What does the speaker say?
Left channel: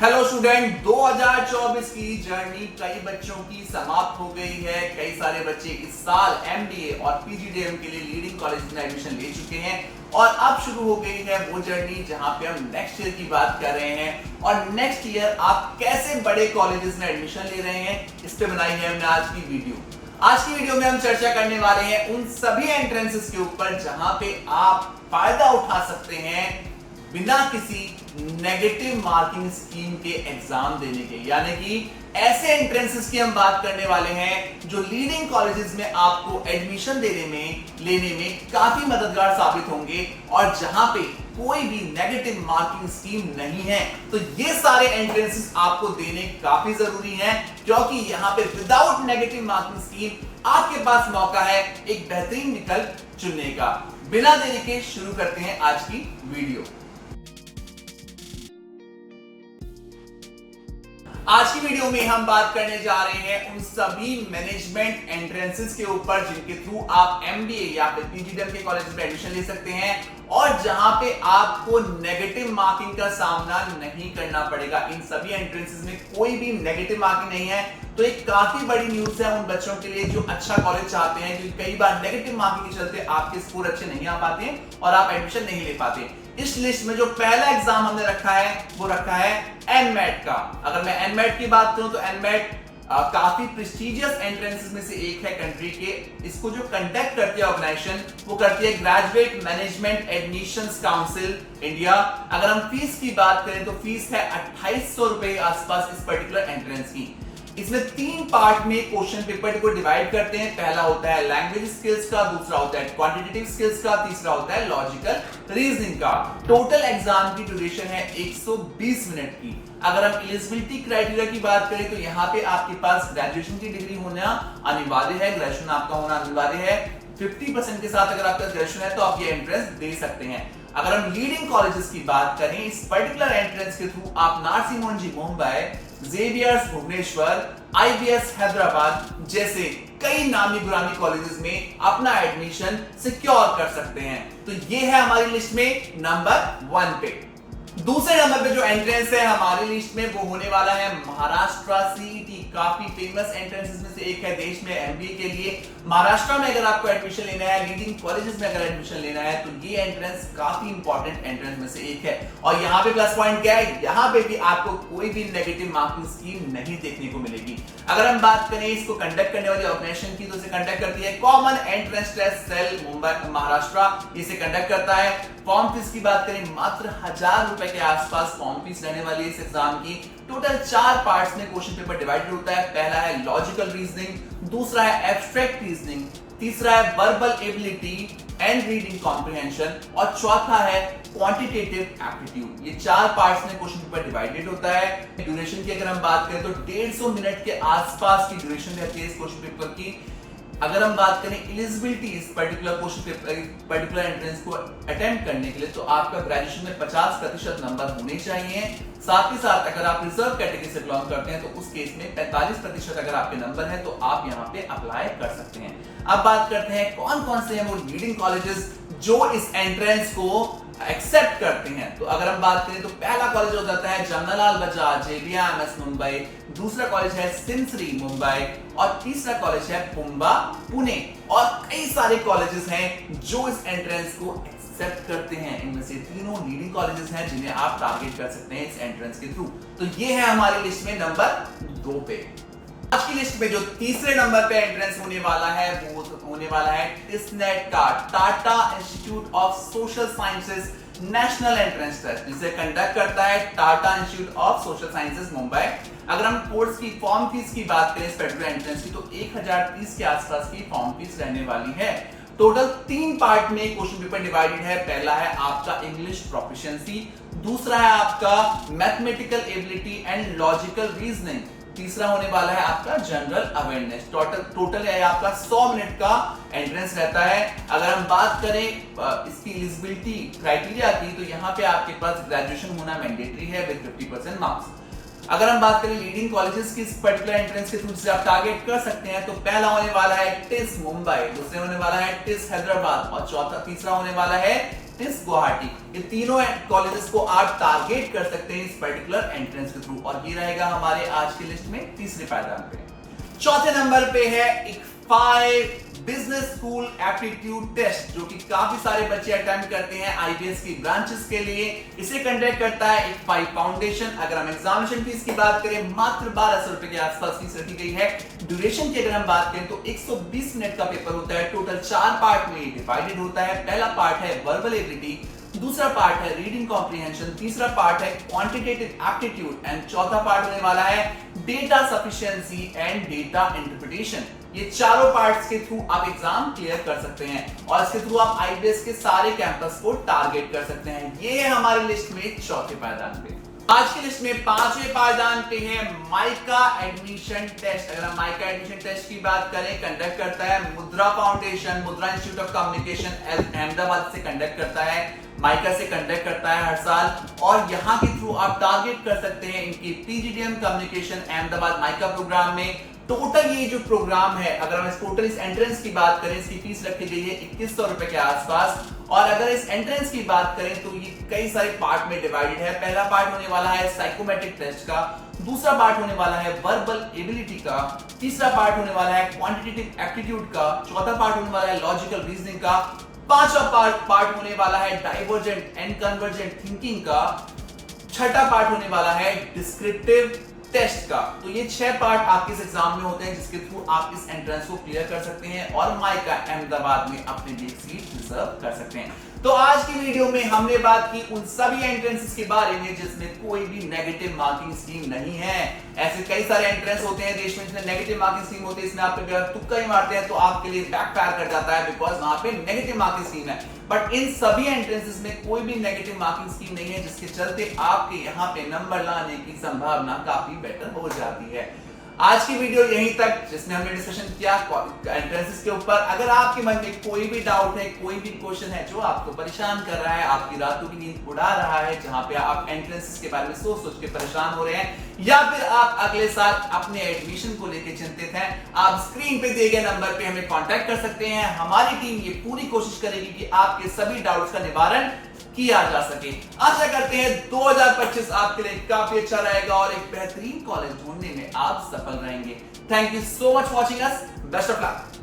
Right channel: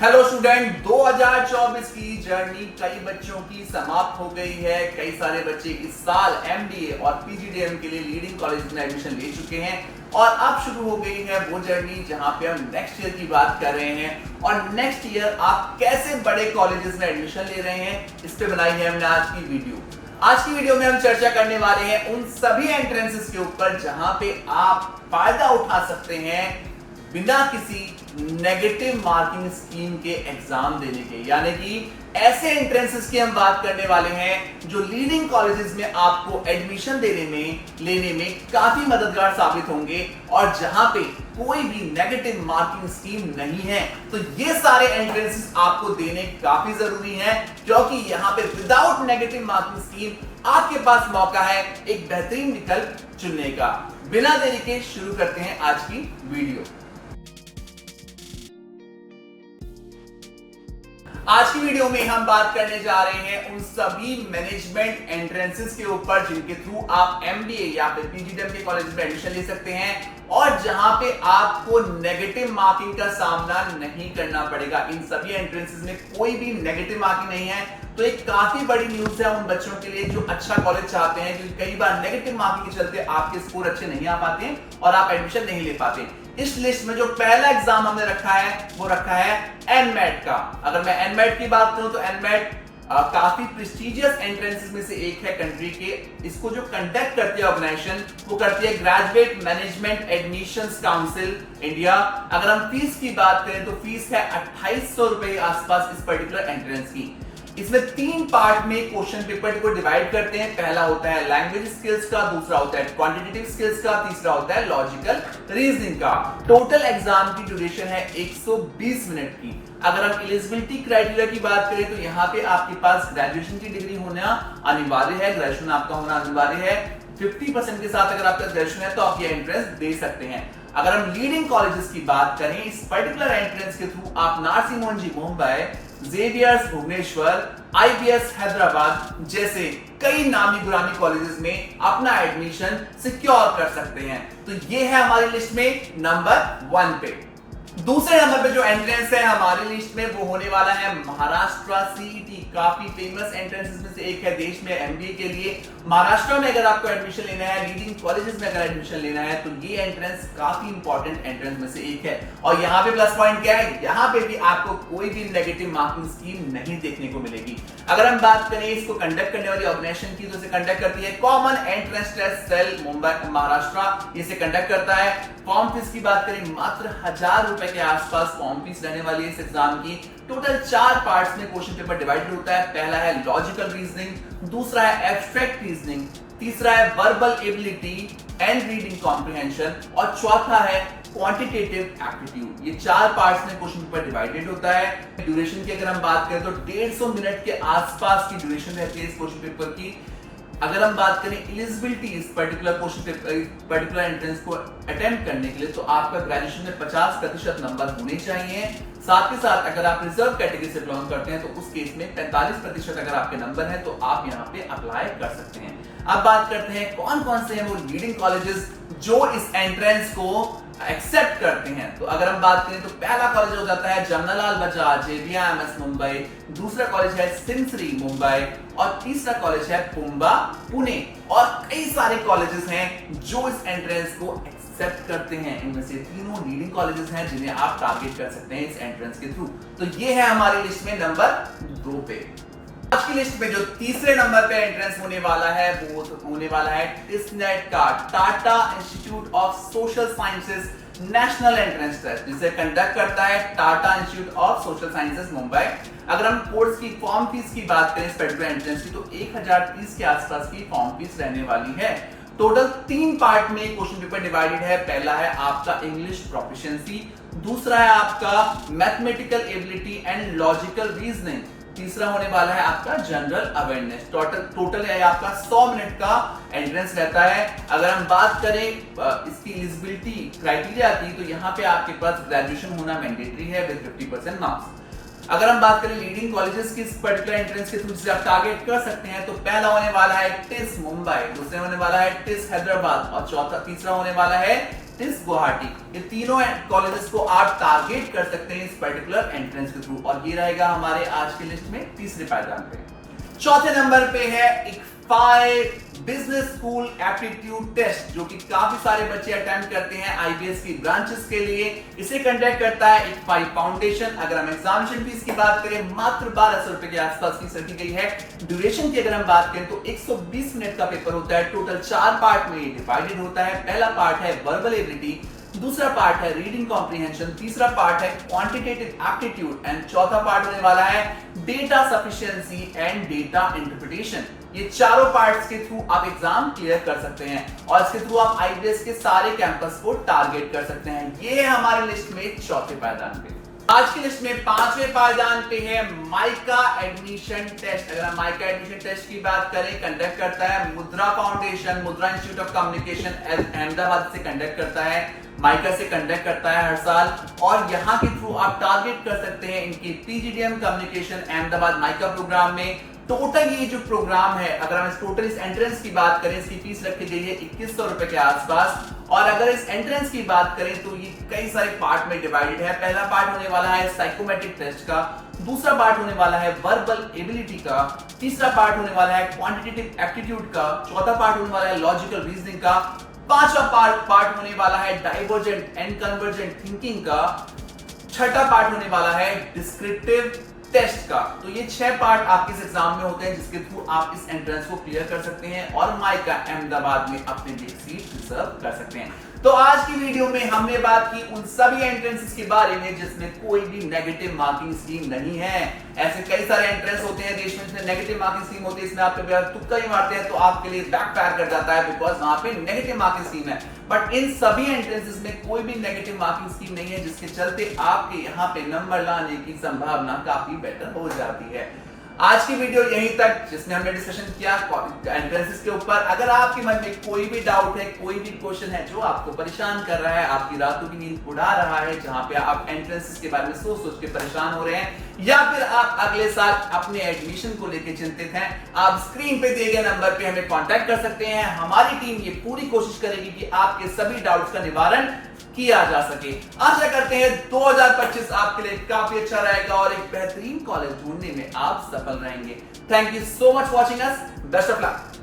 Hello student, 2024 की journey कई बच्चों की समाप्त हो गई है। कई सारे बच्चे इस साल एमबीए और पीजीडीएम के लिए लीडिंग कॉलेज में एडमिशन ले चुके हैं और अब शुरू हो गई है वो जर्नी जहां पे हम नेक्स्ट ईयर की बात कर रहे हैं और नेक्स्ट ईयर आप कैसे बड़े कॉलेजेस में एडमिशन ले रहे हैं, इस पे बनाई है हमने आज की वीडियो। आज की वीडियो में हम चर्चा करने वाले हैं उन सभी एंट्रेंसेस के ऊपर जहां पे आप फायदा उठा सकते हैं बिना किसी नेगेटिव मार्किंग स्कीम के एग्जाम देने के। यानी कि ऐसे एंट्रेंसेस की हम बात करने वाले हैं जो लीडिंग कॉलेजेस में आपको एडमिशन लेने में काफी मददगार साबित होंगे और जहां पे कोई भी नेगेटिव मार्किंग स्कीम नहीं है। तो ये सारे एंट्रेंसेस आपको देने काफी जरूरी हैं क्योंकि यहां पे विदाउट नेगेटिव मार्किंग स्कीम आपके पास मौका है एक बेहतरीन विकल्प चुनने का। बिना देरी के शुरू करते हैं आज की वीडियो। आज की वीडियो में हम बात करने जा रहे हैं उन सभी मैनेजमेंट एंट्रेंसेस के ऊपर जिनके थ्रू आप एमबीए या फिर पीजीडीएम के कॉलेज में एडमिशन ले सकते हैं और जहां पे आपको नेगेटिव मार्किंग का सामना नहीं करना पड़ेगा। इन सभी एंट्रेंसेस में कोई भी नेगेटिव मार्किंग नहीं है, तो एक काफी बड़ी न्यूज है उन बच्चों के लिए जो अच्छा कॉलेज चाहते हैं, क्योंकि कई बार नेगेटिव मार्किंग के चलते आपके स्कोर अच्छे नहीं आ पाते हैं और आप एडमिशन नहीं ले पाते। इस लिस्ट में जो पहला एग्जाम हमने रखा है वो रखा है एनमेट का। अगर मैं एनमेट की बात करूं तो एनमेट काफी प्रेस्टिजियस एंट्रेंसेस में से एक है कंट्री के। इसको जो कंडक्ट करती है ऑर्गेनाइजेशन वो करती है graduate management admissions council India. अगर हम फीस की बात करें तो फीस है 2800 रुपए आसपास इस पर्टिकुलर एंट्रेंस की। इसमें 3 पार्ट में क्वेश्चन पेपर को डिवाइड करते हैं। पहला होता है लैंग्वेज स्किल्स का, दूसरा होता है क्वांटिटेटिव स्किल्स का, तीसरा होता है लॉजिकल रीजनिंग का। टोटल एग्जाम की ड्यूरेशन है 120 मिनट की। अगर हम एलिजिबिलिटी क्राइटेरिया की बात करें तो यहाँ पे आपके पास ग्रेजुएशन की डिग्री होना अनिवार्य है, ग्रेजुएशन आपका होना अनिवार्य है। 50% के साथ अगर आपका ग्रेजुएशन है तो आप ये एंट्रेंस दे सकते हैं। अगर हम लीडिंग कॉलेजेस की बात करें इस पर्टिकुलर एंट्रेंस के थ्रू आप नारसी मोहनजी मुंबई, जेवियर्स भुवनेश्वर, आईबीएस हैदराबाद जैसे कई नामी गुरामी कॉलेजेस में अपना एडमिशन सिक्योर कर सकते हैं। तो ये है हमारी लिस्ट में नंबर 1 पे। दूसरे नंबर पे जो एंट्रेंस है हमारी लिस्ट में वो होने वाला है महाराष्ट्र सीईटी। काफी फेमस एंट्रेंसेस में से एक है देश में एमबीए के लिए। महाराष्ट्र में अगर आपको एडमिशन लेना है, लीडिंग कॉलेजेस में अगर एडमिशन लेना है तो ये एंट्रेंस काफी इंपॉर्टेंट एंट्रेंस में से एक है। और यहाँ पे प्लस पॉइंट क्या है, यहाँ पे भी आपको कोई भी नेगेटिव मार्किंग स्कीम नहीं देखने को मिलेगी। अगर हम बात करें इसको कंडक्ट करने वाली ऑर्गेनाइजेशन की तो इसे कंडक्ट करती है common entrance test cell Mumbai Maharashtra, इसे कंडक्ट करता है। फॉर्म फीस की बात करें मात्र 1000 रुपए के आसपास फॉर्म फीस रहने वाली है इस एग्जाम की। टोटल 4 पार्ट्स में क्वेश्चन पेपर डिवाइडेड होता है। पहला है लॉजिकल रीजनिंग, दूसरा है एब्स्ट्रैक्ट रीजनिंग, तीसरा है verbal ability and reading comprehension और चौथा है क्वांटिटेटिव एप्टीट्यूड। ये 4 पार्ट्स में क्वेश्चन पेपर डिवाइडेड होता है। ड्यूरेशन की अगर हम बात करें तो 150 मिनट के आसपास की ड्यूरेशन रहती है इस क्वेश्चन पेपर की। अगर हम बात करें एलिजिबिलिटी इस particular question paper particular entrance को अटेम्प्ट करने के लिए तो आपका ग्रेजुएशन में 50% नंबर होने चाहिए। साथ ही साथ अगर आप रिजर्व कैटेगरी से बिलोंग करते हैं तो उस केस में 45% अगर आपके नंबर है तो आप यहाँ पे अप्लाई कर सकते हैं। अब बात करते हैं कौन कौन से हैं वो लीडिंग कॉलेजेस जो इस एंट्रेंस को एक्सेप्ट करते हैं। तो अगर हम बात करें तो पहला कॉलेज हो जाता है जमनालाल बजाज जेबीएमएस मुंबई, दूसरा कॉलेज है सिंसरी मुंबई और तीसरा कॉलेज है पुंबा पुणे। और कई सारे कॉलेजेस हैं जो इस एंट्रेंस को एक्सेप्ट करते हैं। इनमें से तीनों लीडिंग कॉलेजेस हैं जिन्हें आप टारगेट कर सकते हैं इस एंट्रेंस के थ्रू। तो ये है हमारी लिस्ट में नंबर 2 पे। आज की लिस्ट में जो तीसरे नंबर पे एंट्रेंस होने वाला है वो होने वाला है टिस्नेट का, Tata institute of social sciences national entrance test, जिसे कंडक्ट करता है Tata institute of social sciences Mumbai. अगर हम कोर्स की फॉर्म फीस की बात करें इस पर्टिकुलर एंट्रेंस की तो 1030 के आसपास की फॉर्म फीस रहने वाली है। टोटल 3 पार्ट में क्वेश्चन पेपर डिवाइडेड है। पहला है आपका इंग्लिश प्रोफिशिएंसी, दूसरा है आपका mathematical ability and logical reasoning, तीसरा होने वाला है आपका जनरल अवेयरनेस। टोटल है आपका 100 मिनट का एंट्रेंस रहता है। अगर हम बात करें इसकी एलिजिबिलिटी क्राइटेरिया की तो यहाँ पे आपके पास ग्रेजुएशन होना मैंडेटरी है विद 50% मार्क्स। अगर हम बात करें लीडिंग कॉलेजेस की इस पर्टिकुलर एंट्रेंस के थ्रू जिसे आप टारगेट कर सकते हैं तो पहला होने वाला है टिस मुंबई, दूसरे होने वाला है टिस हैदराबाद और तीसरा होने वाला है टिस गुवाहाटी, ये तीनों कॉलेजेस को आप टारगेट कर सकते हैं इस पर्टिकुलर एंट्रेंस के थ्रू। और ये रहेगा हमारे आज की लिस्ट में तीसरे पायदान पे। चौथे नंबर पे है ICFAI business school aptitude test, जो कि काफी सारे बच्चे अटेम्प्ट करते हैं आईबीएस की ब्रांचेस के लिए। इसे कंडक्ट करता है ICFAI फाउंडेशन। अगर हम एग्जामिनेशन फीस की बात करें, मात्र 1200 रुपए के आसपास फीस रखी गई है। ड्यूरेशन की अगर हम बात करें तो 120 मिनट का पेपर होता है। टोटल 4 पार्ट में डिवाइडेड होता है। पहला पार्ट है वर्बल एबिलिटी, दूसरा पार्ट है रीडिंग कॉम्प्रिहेंशन, तीसरा पार्ट है क्वांटिटेटिव एप्टीट्यूड एंड चौथा पार्ट होने वाला है data sufficiency and data interpretation. ये चारों पार्ट्स के थ्रू आप एग्जाम क्लियर कर सकते हैं और इसके थ्रू आप आईबीएस के सारे कैंपस को टारगेट कर सकते हैं। ये है हमारी लिस्ट में चौथे पायदान पे। आज की लिस्ट में पांचवें पायदान पे है माइका एडमिशन टेस्ट। अगर हम माइका एडमिशन टेस्ट की बात करें, कंडक्ट करता है मुद्रा फाउंडेशन, मुद्रा इंस्टीट्यूट ऑफ कम्युनिकेशन अहमदाबाद से कंडक्ट करता है, माइका से कंडक्ट करता है हर साल। और यहां के थ्रू आप टारगेट कर सकते हैं इनकी PGDM communication Ahmedabad MICA programme में। टोटल ये जो प्रोग्राम है, अगर हम इस टोटल इस एंट्रेंस की बात करें, इसकी फीस रखी गई है 2100 रुपए के आसपास। और अगर इस एंट्रेंस की बात करें तो ये कई सारे पार्ट में डिवाइडेड है। पहला पार्ट होने वाला है साइकोमेट्रिक टेस्ट का, दूसरा पार्ट होने वाला है वर्बल एबिलिटी का, तीसरा पार्ट होने वाला है क्वांटिटेटिव एप्टीट्यूड का, चौथा पार्ट होने वाला है लॉजिकल रीजनिंग का, पांचवा पार्ट होने वाला है डाइवर्जेंट एंड कन्वर्जेंट थिंकिंग का, छठा पार्ट होने वाला है डिस्क्रिप्टिव टेस्ट का। तो ये 6 पार्ट आपके इस एग्जाम में होते हैं जिसके थ्रू आप इस एंट्रेंस को क्लियर कर सकते हैं और माइका अहमदाबाद में अपने लिए सीट रिजर्व कर सकते हैं। तो आज की वीडियो में हमने बात की उन सभी एंट्रेंसेस के बारे में जिसमें कोई भी नेगेटिव मार्किंग स्कीम नहीं है। ऐसे कई सारे एंट्रेंस होते हैं देश में जिसमें नेगेटिव मार्किंग स्कीम होती है, इसमें आप तुक्का ही मारते हैं तो आपके लिए बैकफायर कर जाता है, बिकॉज वहां पे नेगेटिव मार्किंग स्कीम है। बट इन सभी एंट्रेंसेस में कोई भी नेगेटिव मार्किंग स्कीम नहीं है, जिसके चलते आपके यहाँ पे नंबर लाने की संभावना काफी बेटर हो जाती है। आज की वीडियो यहीं तक, जिसमें हमने डिस्कशन किया एंट्रेंसेस के ऊपर। अगर आपके मन में कोई भी डाउट है, कोई भी क्वेश्चन है जो आपको परेशान कर रहा है, आपकी रातों की नींद उड़ा रहा है, जहां पे आप एंट्रेंसेस के बारे में सोच सोच के परेशान हो रहे हैं, या फिर आप अगले साल अपने एडमिशन को लेकर चिंतित हैं, आप स्क्रीन पे दिए गए नंबर पे हमें कांटेक्ट कर सकते हैं। हमारी टीम ये पूरी कोशिश करेगी कि आपके सभी डाउट्स का निवारण किया जा सके। आशा करते हैं 2025 आपके लिए काफी अच्छा रहेगा और एक बेहतरीन कॉलेज ढूंढने में आप सफल रहेंगे। Thank you so much watching us. Best of luck.